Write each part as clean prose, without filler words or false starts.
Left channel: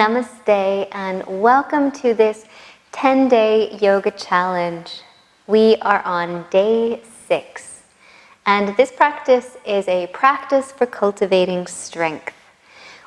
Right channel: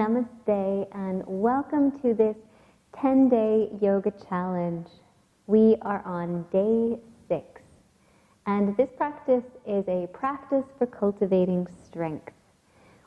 Namaste and welcome to this 10-day yoga challenge. We are on day 6 and this practice is a practice for cultivating strength.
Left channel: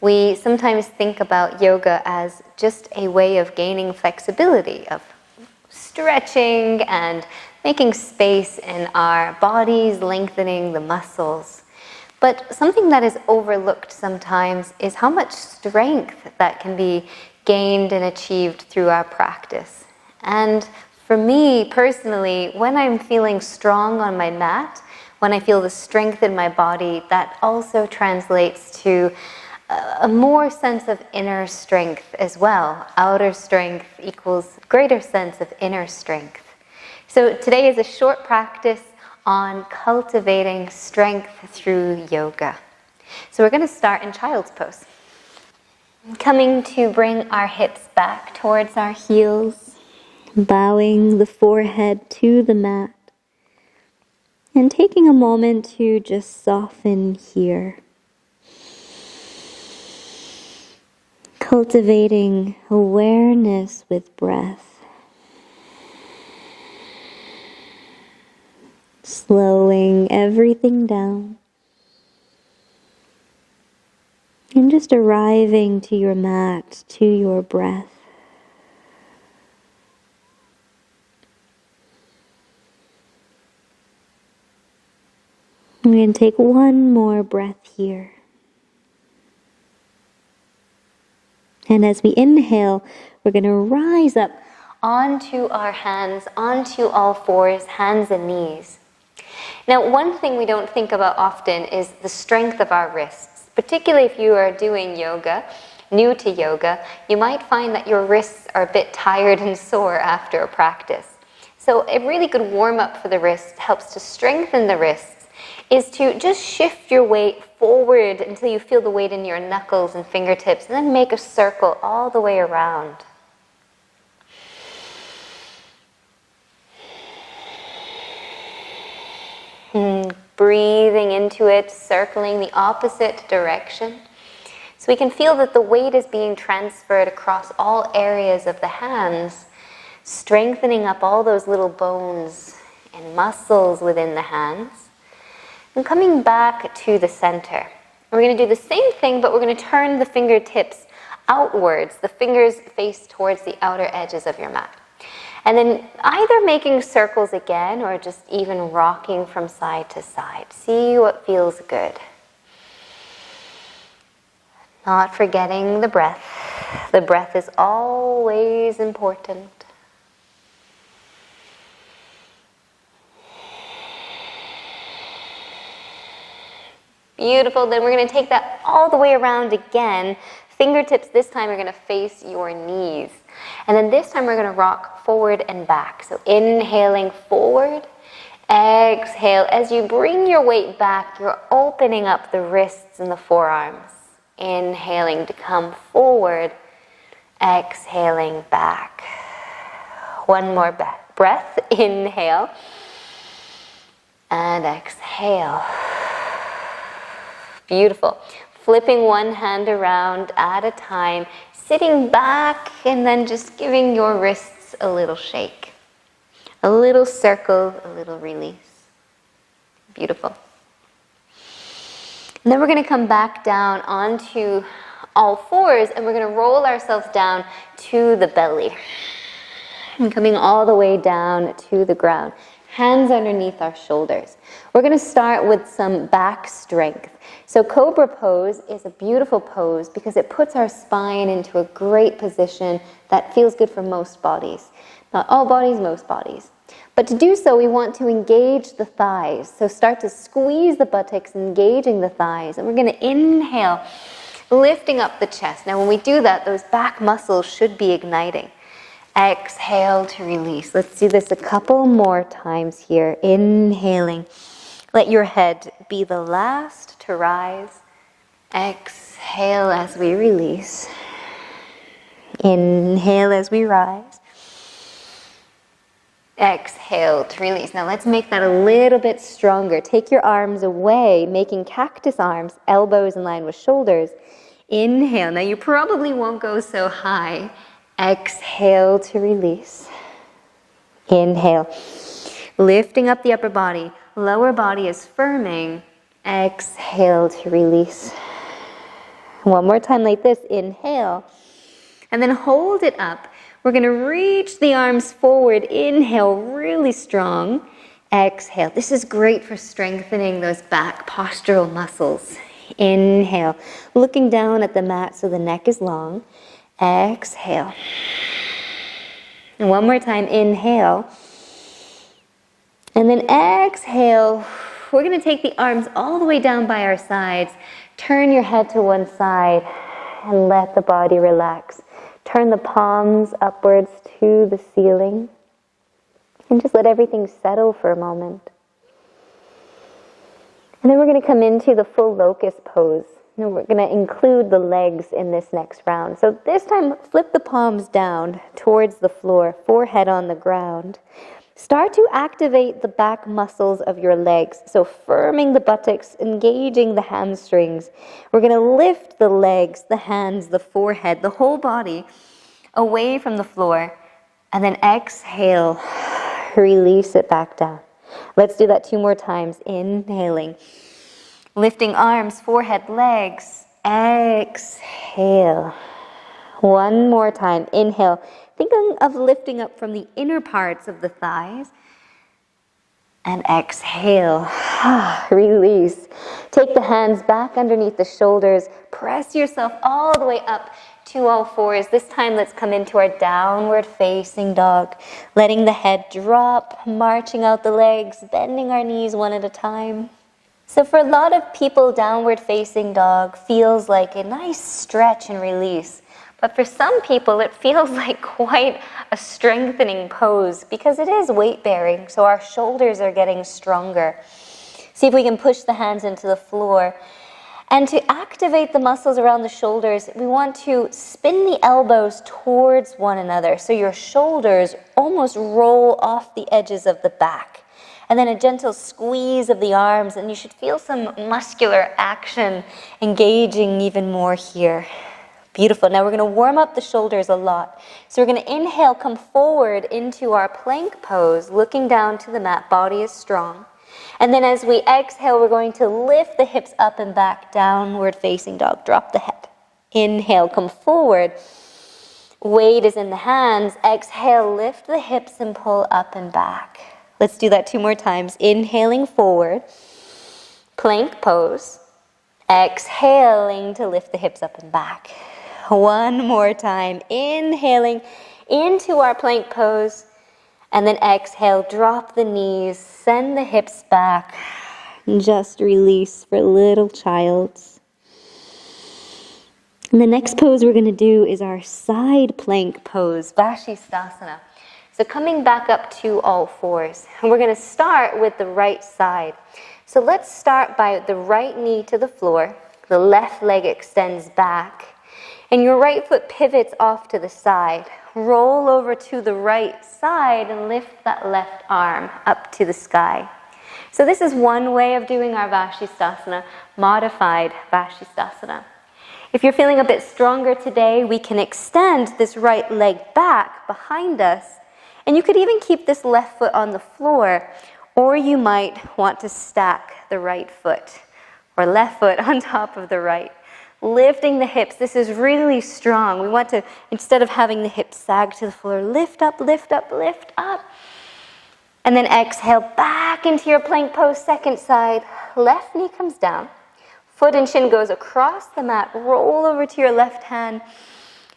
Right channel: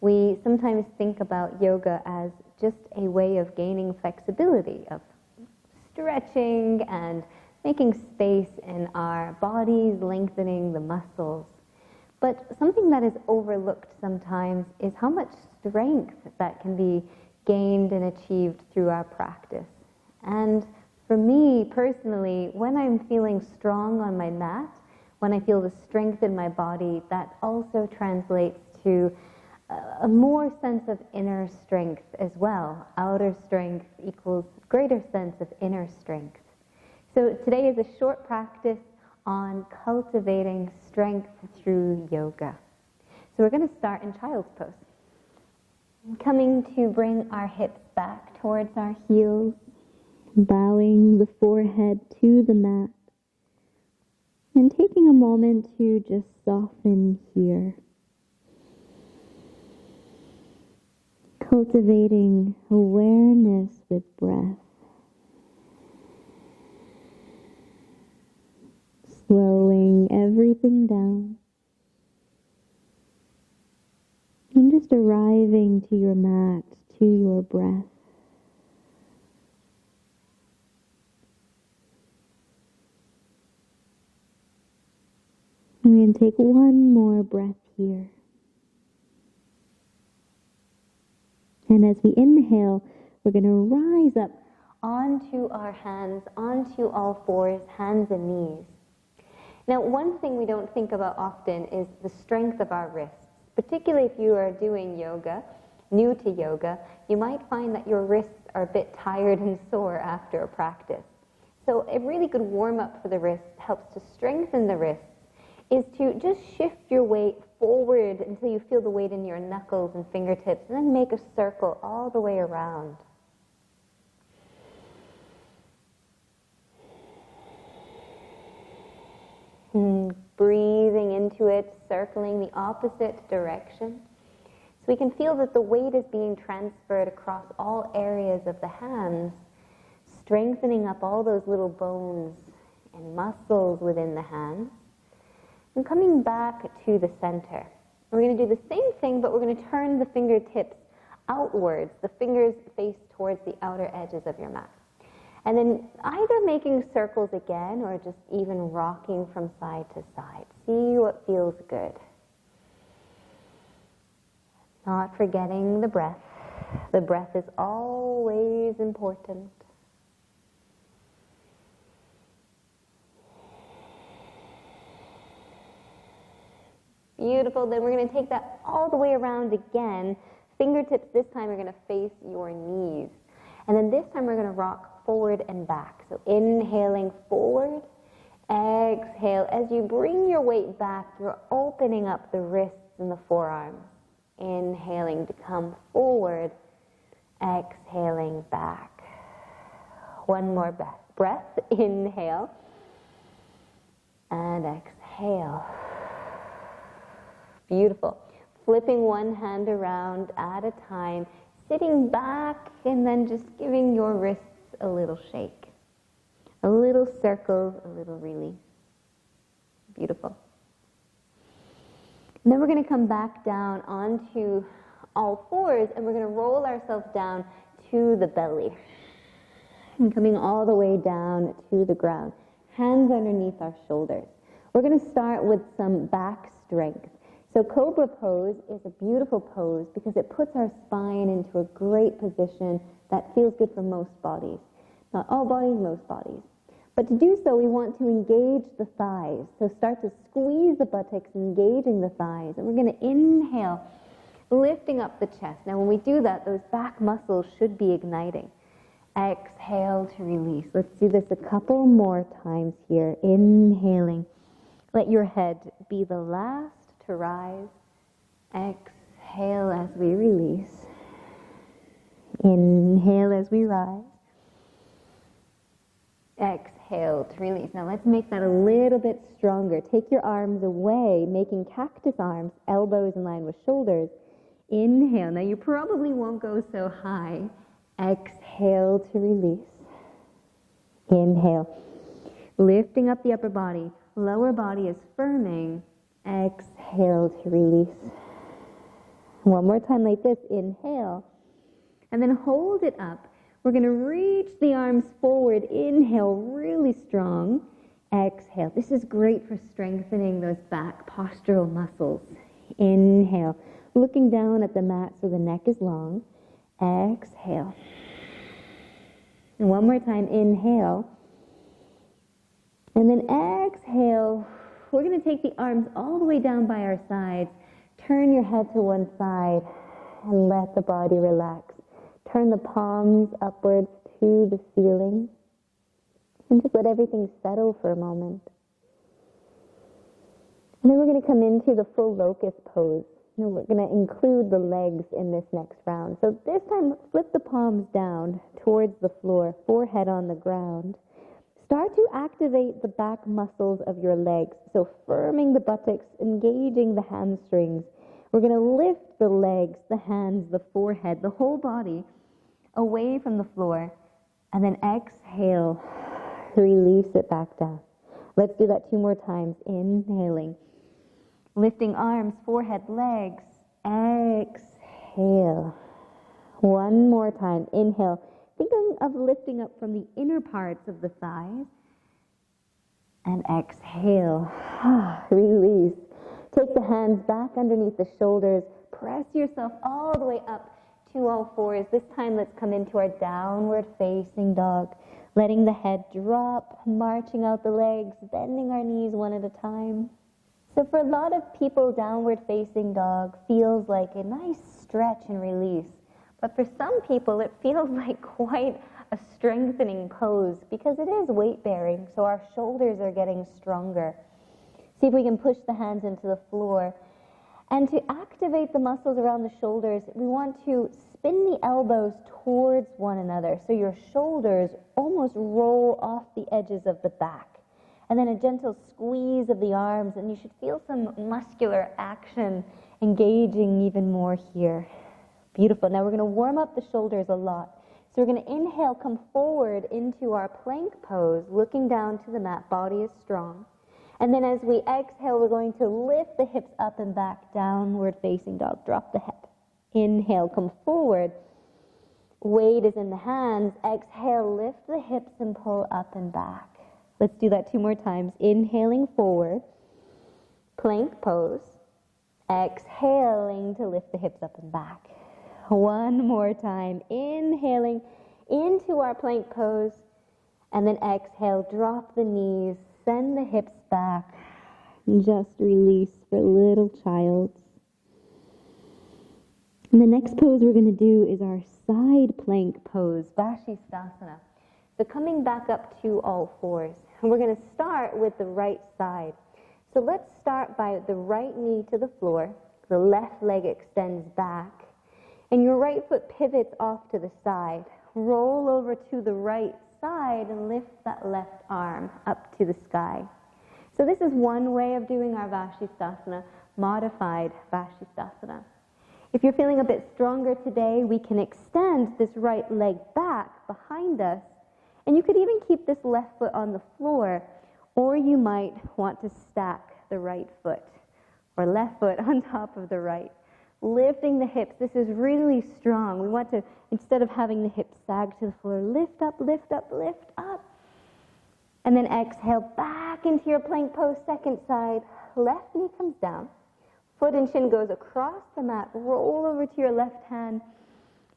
We sometimes think about yoga as just a way of gaining flexibility, of stretching and making space in our bodies, lengthening the muscles. But something that is overlooked sometimes is how much strength that can be gained and achieved through our practice. And for me personally, when I'm feeling strong on my mat, when I feel the strength in my body, that also translates to a more sense of inner strength as well. Outer strength equals greater sense of inner strength. So today is a short practice on cultivating strength through yoga. So we're going to start in child's pose. Coming to bring our hips back towards our heels, bowing the forehead to the mat, and taking a moment to just soften here. Cultivating awareness with breath. Slowing everything down. And just arriving to your mat, to your breath. We're going to take one more breath here. And as we inhale, we're going to rise up onto our hands, onto all fours, hands and knees. Now, one thing we don't think about often is the strength of our wrists. Particularly if you are doing yoga, new to yoga, you might find that your wrists are a bit tired and sore after a practice. So a really good warm-up for the wrists, helps to strengthen the wrists, is to just shift your weight forward until you feel the weight in your knuckles and fingertips, and then make a circle all the way around. Breathing into it, circling the opposite direction. So we can feel that the weight is being transferred across all areas of the hands, strengthening up all those little bones and muscles within the hands. And coming back to the center. We're going to do the same thing, but we're going to turn the fingertips outwards. The fingers face towards the outer edges of your mat. And then either making circles again or just even rocking from side to side. See what feels good. Not forgetting the breath. The breath is always important. Beautiful. Then we're going to take that all the way around again. Fingertips this time are going to face your knees. And then this time we're going to rock forward and back. So inhaling forward, exhale. As you bring your weight back, you're opening up the wrists and the forearms. Inhaling to come forward, exhaling back. One more breath. Inhale and exhale. Beautiful. Flipping one hand around at a time, sitting back and then just giving your wrists a little shake. A little circle, a little release. Beautiful. And then we're going to come back down onto all fours and we're going to roll ourselves down to the belly. And coming all the way down to the ground. Hands underneath our shoulders. We're going to start with some back strength. So Cobra pose is a beautiful pose because it puts our spine into a great position that feels good for most bodies. Not all bodies, most bodies. But to do so, we want to engage the thighs. So start to squeeze the buttocks, engaging the thighs. And we're going to inhale, lifting up the chest. Now when we do that, those back muscles should be igniting. Exhale to release. Let's do this a couple more times here. Inhaling. Let your head be the last to rise. Exhale as we release. Inhale as we rise. Exhale to release. Now let's make that a little bit stronger. Take your arms away, making cactus arms, elbows in line with shoulders. Inhale. Now you probably won't go so high. Exhale to release. Inhale. Lifting up the upper body. Lower body is firming. Exhale to release. One more time like this. Inhale. And then hold it up. We're going to reach the arms forward. Inhale, really strong. Exhale. This is great for strengthening those back postural muscles. Inhale. Looking down at the mat so the neck is long. Exhale. And one more time. Inhale. And then exhale. We're going to take the arms all the way down by our sides. Turn your head to one side and let the body relax. Turn the palms upwards to the ceiling. And just let everything settle for a moment. And then we're going to come into the full locust pose. And we're going to include the legs in this next round. So this time, flip the palms down towards the floor, forehead on the ground. Start to activate the back muscles of your legs. So firming the buttocks, engaging the hamstrings. We're going to lift the legs, the hands, the forehead, the whole body away from the floor. And then exhale, release it back down. Let's do that 2 more times. Inhaling. Lifting arms, forehead, legs. Exhale. 1 more time. Inhale. Thinking of lifting up from the inner parts of the thighs. And exhale. Release. Take the hands back underneath the shoulders. Press yourself all the way up to all fours. This time let's come into our downward facing dog. Letting the head drop, marching out the legs, bending our knees one at a time. So for a lot of people, downward facing dog feels like a nice stretch and release. But for some people, it feels like quite a strengthening pose because it is weight bearing, so our shoulders are getting stronger. See if we can push the hands into the floor. And to activate the muscles around the shoulders, we want to spin the elbows towards one another so your shoulders almost roll off the edges of the back. And then a gentle squeeze of the arms, and you should feel some muscular action engaging even more here. Beautiful. Now we're going to warm up the shoulders a lot. So we're going to inhale, come forward into our plank pose, looking down to the mat. Body is strong. And then as we exhale, we're going to lift the hips up and back, downward facing dog. Drop the head. Inhale, come forward. Weight is in the hands. Exhale, lift the hips and pull up and back. Let's do that 2 more times. Inhaling forward. Plank pose. Exhaling to lift the hips up and back. 1 more time. Inhaling into our plank pose. And then exhale, drop the knees, send the hips back. And just release for little childs. And the next pose we're going to do is our side plank pose, Vashisthasana. So coming back up to all fours. And we're going to start with the right side. So let's start by the right knee to the floor. The left leg extends back. And your right foot pivots off to the side. Roll over to the right side and lift that left arm up to the sky. So this is one way of doing our Vashisthasana, modified Vashisthasana. If you're feeling a bit stronger today, we can extend this right leg back behind us. And you could even keep this left foot on the floor, or you might want to stack the right foot or left foot on top of the right. Lifting the hips, this is really strong. We want to, instead of having the hips sag to the floor, lift up, lift up, lift up. And then exhale back into your plank pose, second side. Left knee comes down. Foot and shin goes across the mat. Roll over to your left hand.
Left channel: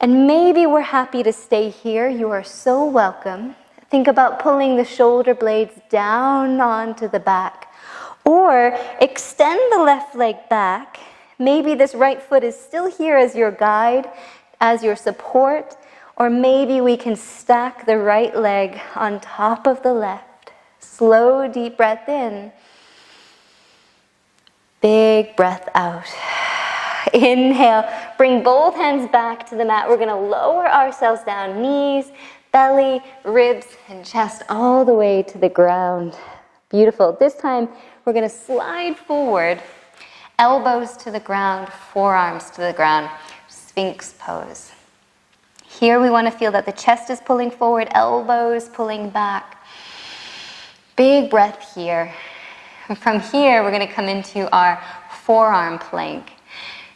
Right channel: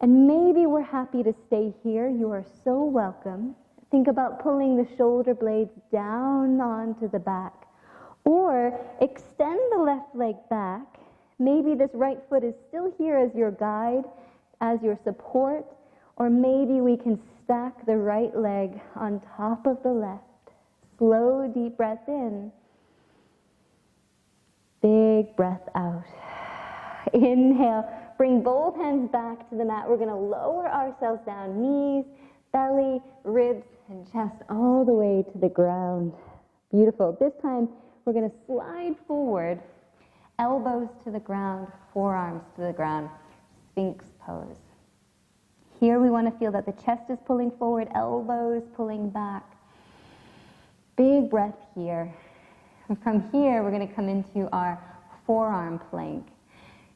And maybe we're happy to stay here. You are so welcome. Think about pulling the shoulder blades down onto the back. Or extend the left leg back. Maybe this right foot is still here as your guide, as your support, or maybe we can stack the right leg on top of the left. Slow, deep breath in. Big breath out. Inhale, bring both hands back to the mat. We're going to lower ourselves down, knees, belly, ribs, and chest all the way to the ground. Beautiful. This time, we're going to slide forward. Elbows to the ground, forearms to the ground, Sphinx pose. Here we want to feel that the chest is pulling forward, elbows pulling back. Big breath here. And from here, we're going to come into our forearm plank.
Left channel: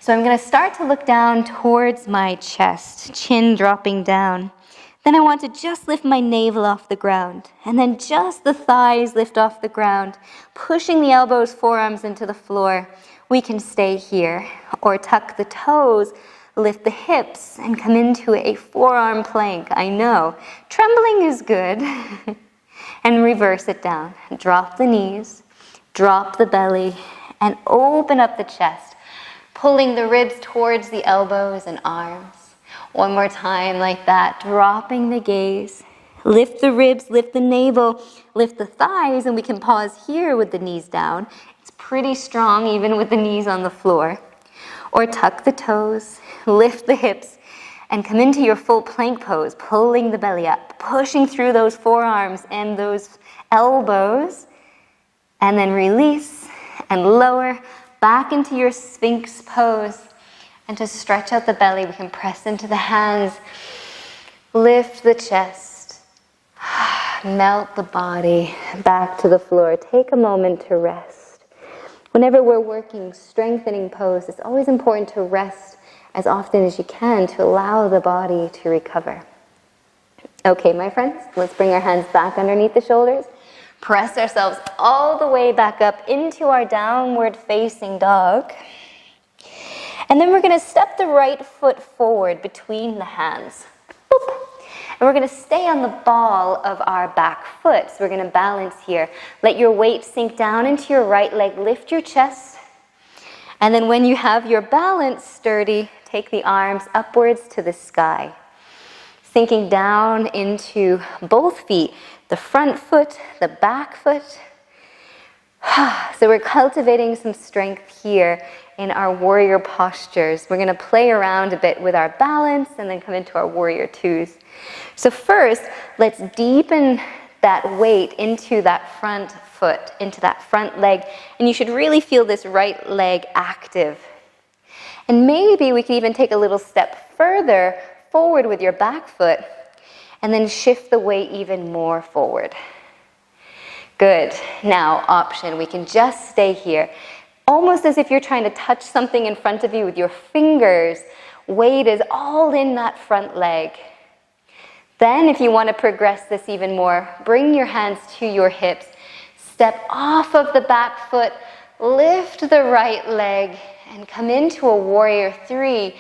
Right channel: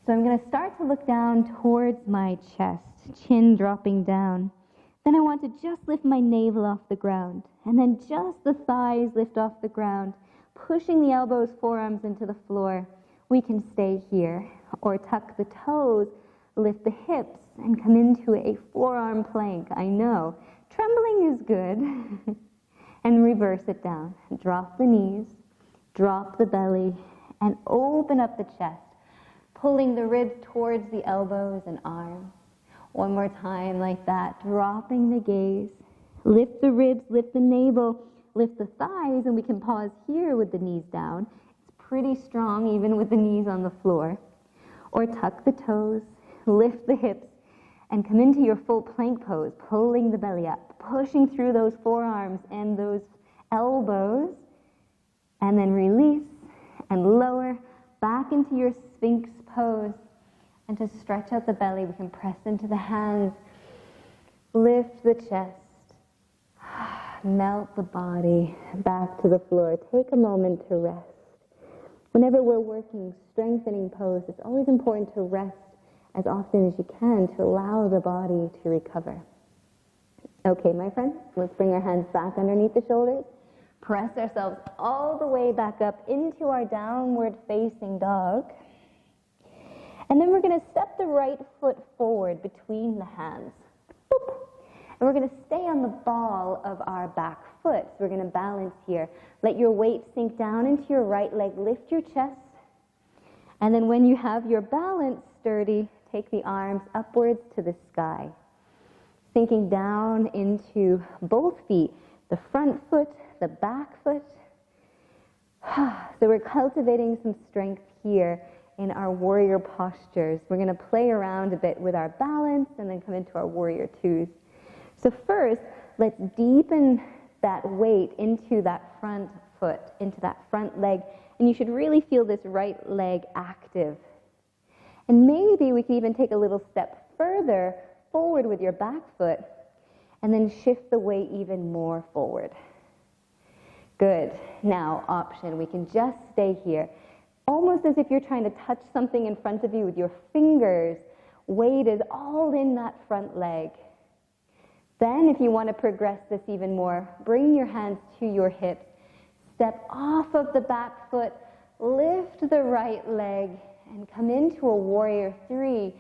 So I'm going to start to look down towards my chest, chin dropping down. Then I want to just lift my navel off the ground, and then just the thighs lift off the ground, pushing the elbows, forearms into the floor. We can stay here, or tuck the toes, lift the hips, and come into a forearm plank. I know, trembling is good. And reverse it down. Drop the knees, drop the belly, and open up the chest, pulling the ribs towards the elbows and arms. One more time like that, dropping the gaze. Lift the ribs, lift the navel, lift the thighs, and we can pause here with the knees down. It's pretty strong even with the knees on the floor. Or tuck the toes, lift the hips, and come into your full plank pose, pulling the belly up, pushing through those forearms and those elbows, and then release and lower back into your Sphinx pose. And to stretch out the belly, we can press into the hands, lift the chest, melt the body back to the floor. Take a moment to rest. Whenever we're working strengthening pose, it's always important to rest as often as you can to allow the body to recover. Okay, my friends, let's bring our hands back underneath the shoulders. Press ourselves all the way back up into our downward facing dog. And then we're going to step the right foot forward between the hands. Boop. And we're going to stay on the ball of our back foot. So we're going to balance here. Let your weight sink down into your right leg. Lift your chest. And then when you have your balance sturdy, take the arms upwards to the sky. Sinking down into both feet, the front foot, the back foot. So we're cultivating some strength here in our warrior postures. We're going to play around a bit with our balance and then come into our warrior twos. So first, let's deepen that weight into that front foot, into that front leg. And you should really feel this right leg active. And maybe we can even take a little step further forward with your back foot and then shift the weight even more forward. Good. Now, option. We can just stay here. Almost as if you're trying to touch something in front of you with your fingers. Weight is all in that front leg. Then if you want to progress this even more, bring your hands to your hips. Step off of the back foot, lift the right leg, and come into a warrior three,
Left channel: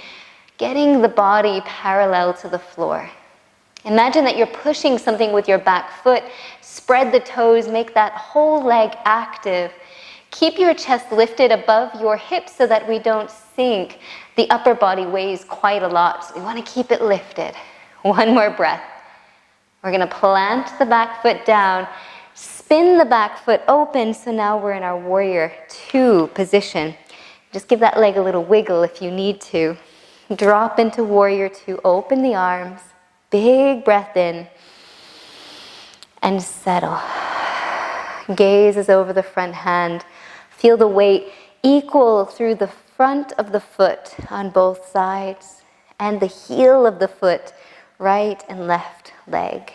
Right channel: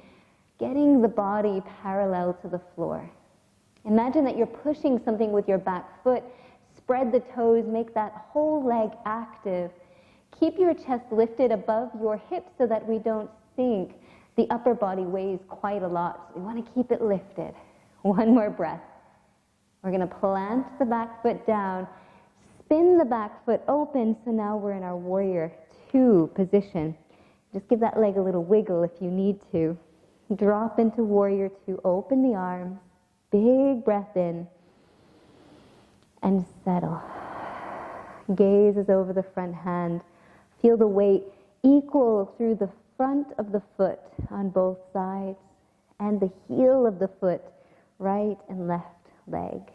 getting the body parallel to the floor. Imagine that you're pushing something with your back foot. Spread the toes, make that whole leg active. Keep your chest lifted above your hips so that we don't sink. The upper body weighs quite a lot, so we want to keep it lifted. One more breath. We're going to plant the back foot down, spin the back foot open, so now we're in our warrior two position. Just give that leg a little wiggle if you need to. Drop into warrior two, open the arms, big breath in, and settle. Gaze is over the front hand. Feel the weight equal through the front of the foot on both sides and the heel of the foot, right and left leg.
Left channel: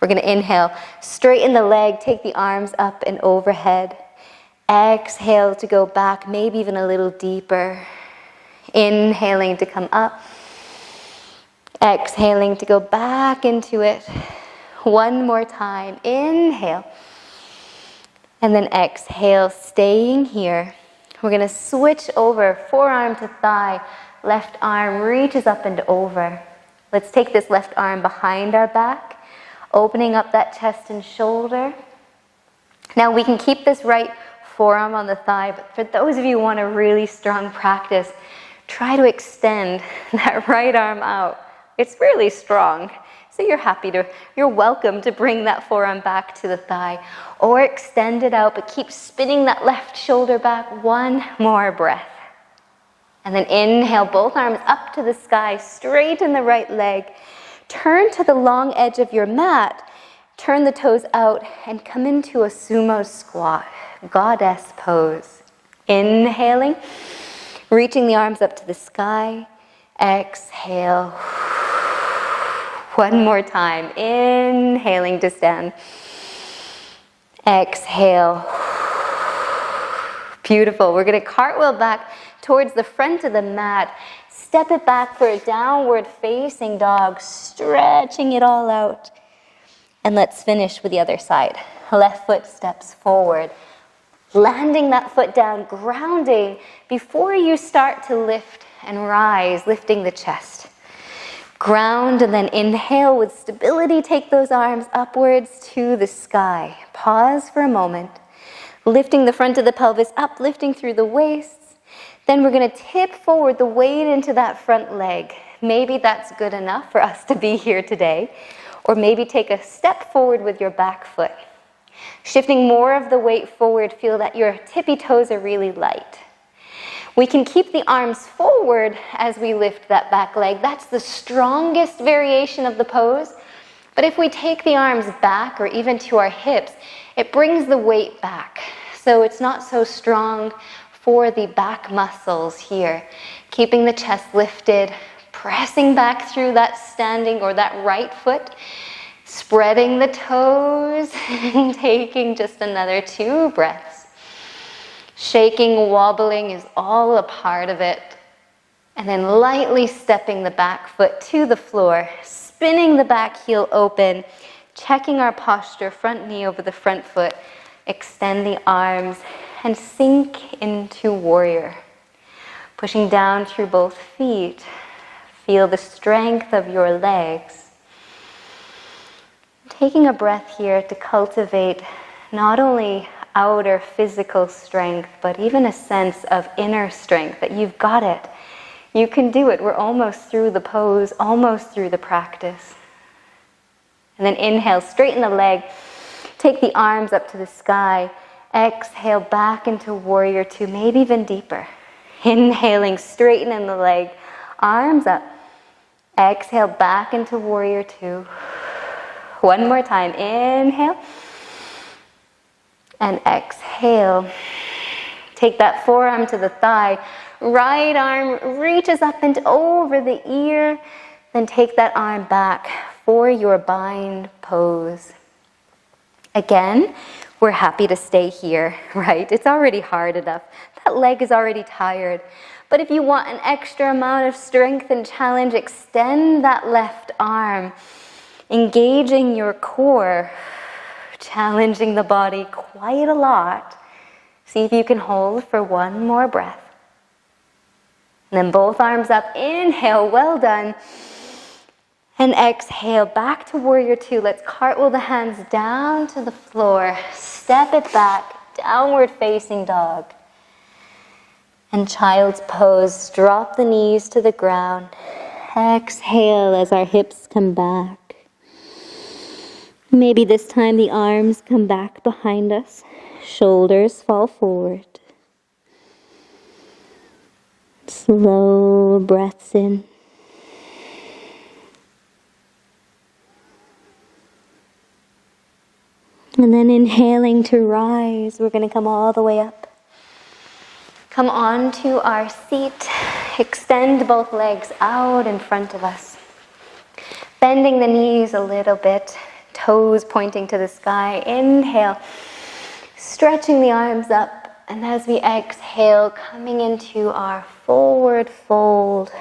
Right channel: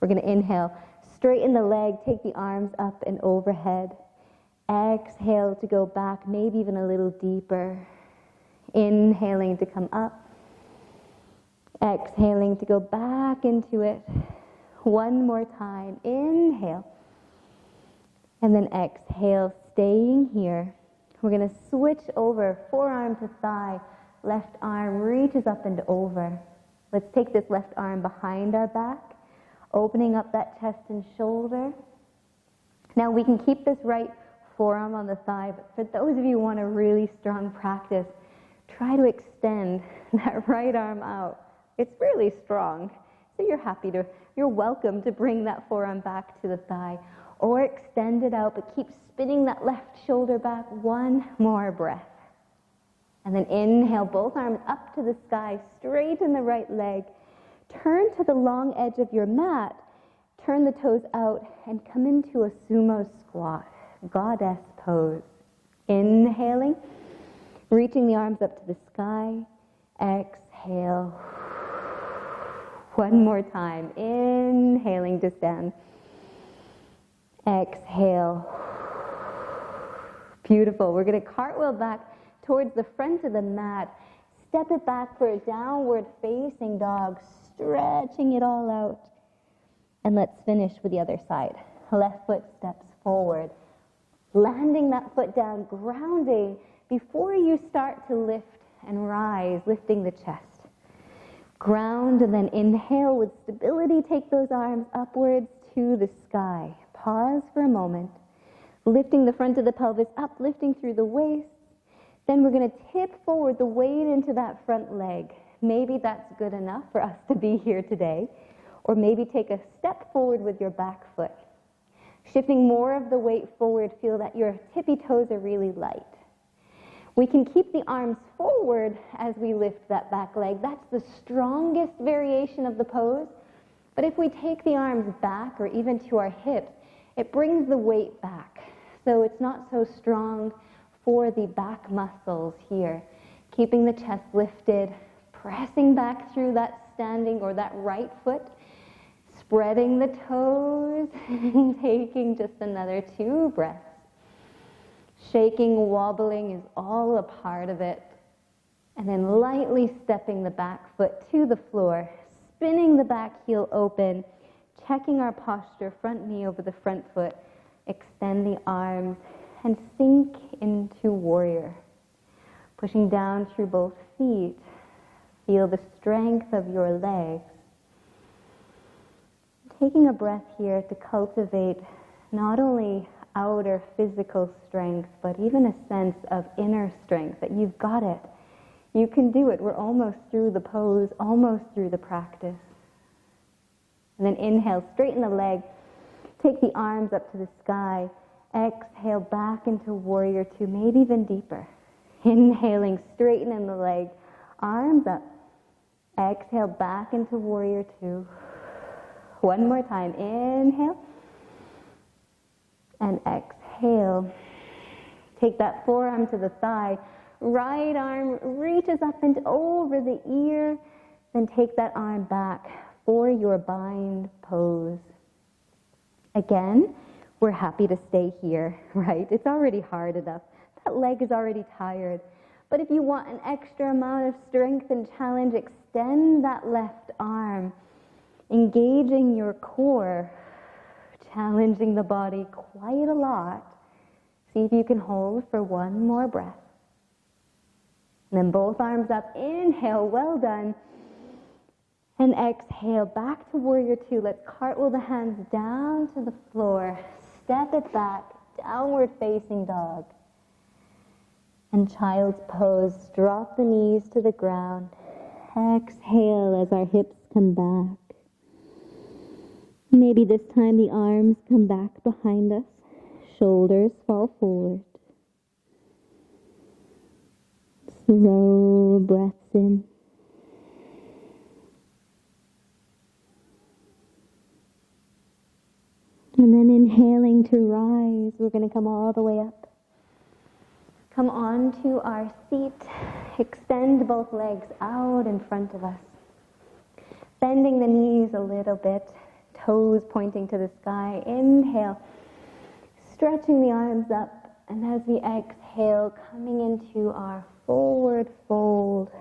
We're going to inhale, straighten the leg, take the arms up and overhead. Exhale to go back, maybe even a little deeper. Inhaling to come up. Exhaling to go back into it. One more time. Inhale. And then exhale, staying here. We're going to switch over, forearm to thigh. Left arm reaches up and over. Let's take this left arm behind our back, opening up that chest and shoulder. Now we can keep this right forearm on the thigh, but for those of you who want a really strong practice, try to extend that right arm out. It's really strong. So you're welcome to bring that forearm back to the thigh or extend it out, but keep spinning that left shoulder back. One more breath. And then inhale, both arms up to the sky, straighten the right leg. Turn to the long edge of your mat. Turn the toes out and come into a sumo squat, goddess pose. Inhaling, reaching the arms up to the sky. Exhale. One more time. Inhaling to stand. Exhale. Beautiful. We're going to cartwheel back towards the front of the mat. Step it back for a downward facing dog, stretching it all out. And let's finish with the other side. Left foot steps forward. Landing that foot down, grounding before you start to lift and rise, lifting the chest. Ground and then inhale with stability. Take those arms upwards to the sky. Pause for a moment. Lifting the front of the pelvis up, lifting through the waist. Then we're going to tip forward the weight into that front leg. Maybe that's good enough for us to be here today. Or maybe take a step forward with your back foot. Shifting more of the weight forward, feel that your tippy toes are really light. We can keep the arms forward as we lift that back leg. That's the strongest variation of the pose. But if we take the arms back or even to our hips, it brings the weight back. So it's not so strong for the back muscles here. Keeping the chest lifted, pressing back through that standing or that right foot, spreading the toes, and taking just another 2 breaths. Shaking, wobbling is all a part of it. And then lightly stepping the back foot to the floor, spinning the back heel open, checking our posture, front knee over the front foot, extend the arms, and sink into warrior. Pushing down through both feet. Feel the strength of your legs. Taking a breath here to cultivate not only outer physical strength, but even a sense of inner strength, that you've got it. You can do it. We're almost through the pose, almost through the practice. And then inhale, straighten the leg. Take the arms up to the sky. Exhale back into warrior 2, maybe even deeper. Inhaling, straightening the leg. Arms up. Exhale back into warrior 2. One more time. Inhale. And exhale. Take that forearm to the thigh. Right arm reaches up and over the ear. Then take that arm back for your bind pose. Again, we're happy to stay here, right? It's already hard enough. That leg is already tired. But if you want an extra amount of strength and challenge, extend that left arm, engaging your core, challenging the body quite a lot. See if you can hold for one more breath. And then both arms up, inhale, well done. And exhale, back to warrior 2. Let's cartwheel the hands down to the floor. Step it back, downward facing dog. And child's pose, drop the knees to the ground. Exhale as our hips come back. Maybe this time the arms come back behind us. Shoulders fall forward. Slow breaths in. And then inhaling to rise, we're going to come all the way up. Come onto our seat. Extend both legs out in front of us. Bending the knees a little bit. Toes pointing to the sky. Inhale. Stretching the arms up. And as we exhale, coming into our forward fold.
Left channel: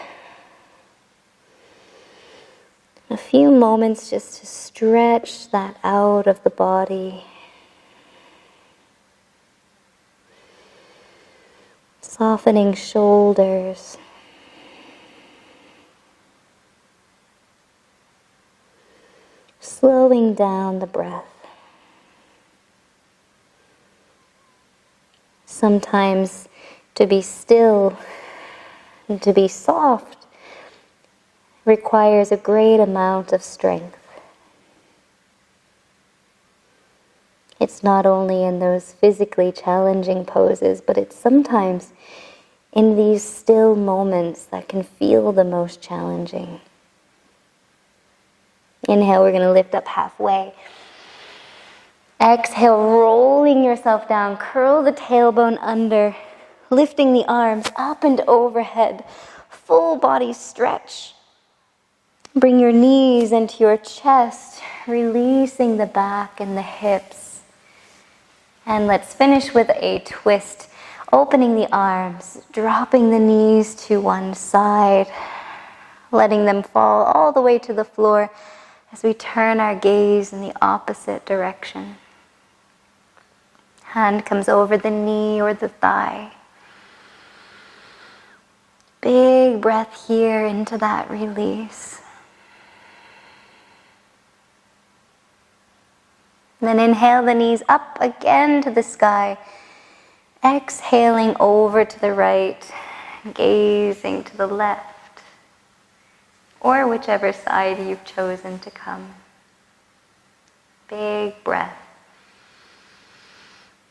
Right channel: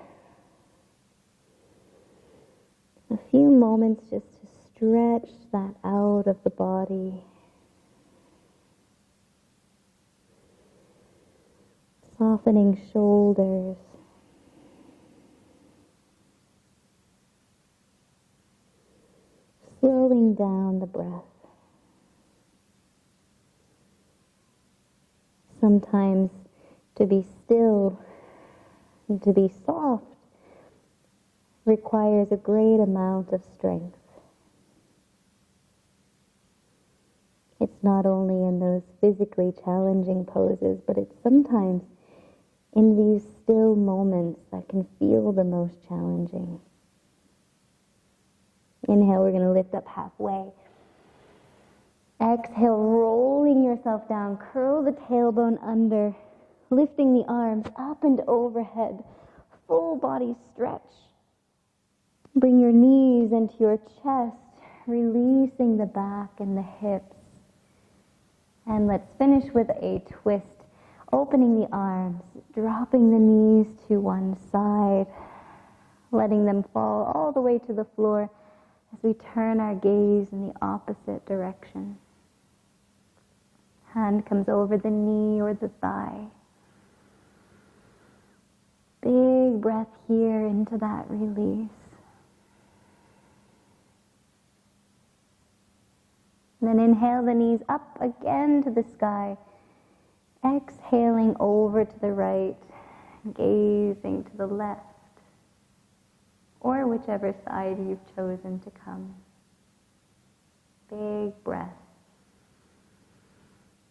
A few moments just to stretch that out of the body. Softening shoulders. Slowing down the breath. Sometimes to be still and to be soft requires a great amount of strength. It's not only in those physically challenging poses, but it's sometimes in these still moments that can feel the most challenging. Inhale, we're going to lift up halfway. Exhale, rolling yourself down. Curl the tailbone under. Lifting the arms up and overhead, full body stretch. Bring your knees into your chest, releasing the back and the hips. And let's finish with a twist, opening the arms, dropping the knees to one side, letting them fall all the way to the floor as we turn our gaze in the opposite direction. Hand comes over the knee or the thigh. Big breath here into that release. Then inhale the knees up again to the sky. Exhaling over to the right, gazing to the left, or whichever side you've chosen to come. Big breath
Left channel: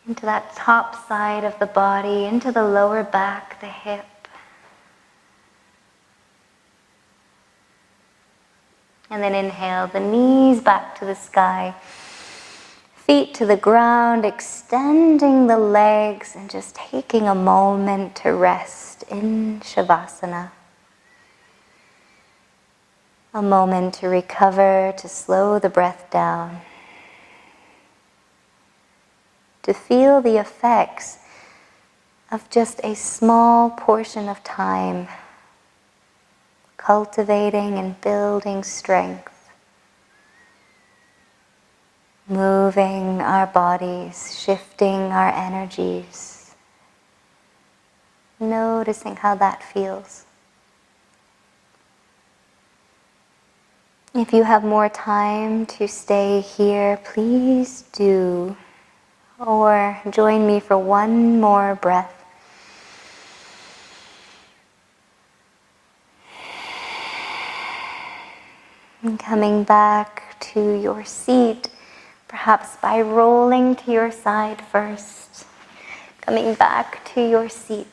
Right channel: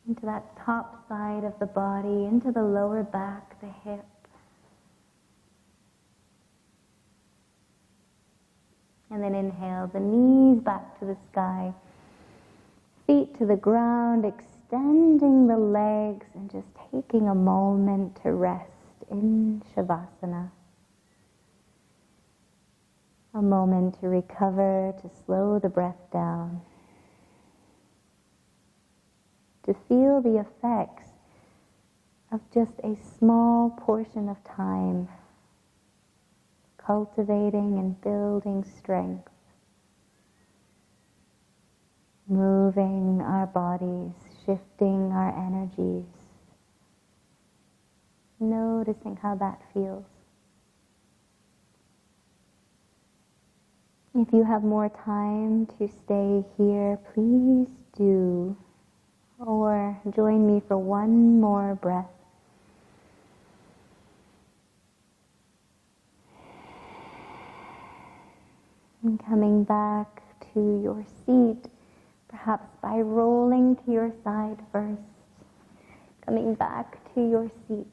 into that top side of the body, into the lower back, the hip. And then inhale the knees back to the sky. Feet to the ground, extending the legs and just taking a moment to rest in Shavasana. A moment to recover, to slow the breath down. To feel the effects of just a small portion of time, cultivating and building strength. Moving our bodies, shifting our energies, noticing how that feels. If you have more time to stay here, please do, or join me for one more breath. And coming back to your seat, perhaps by rolling to your side first, coming back to your seat.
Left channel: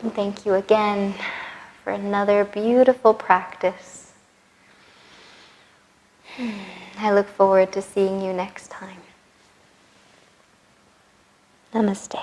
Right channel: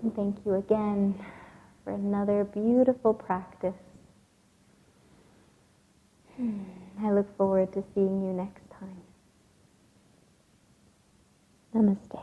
And thank you again for another beautiful practice. I look forward to seeing you next time. Namaste.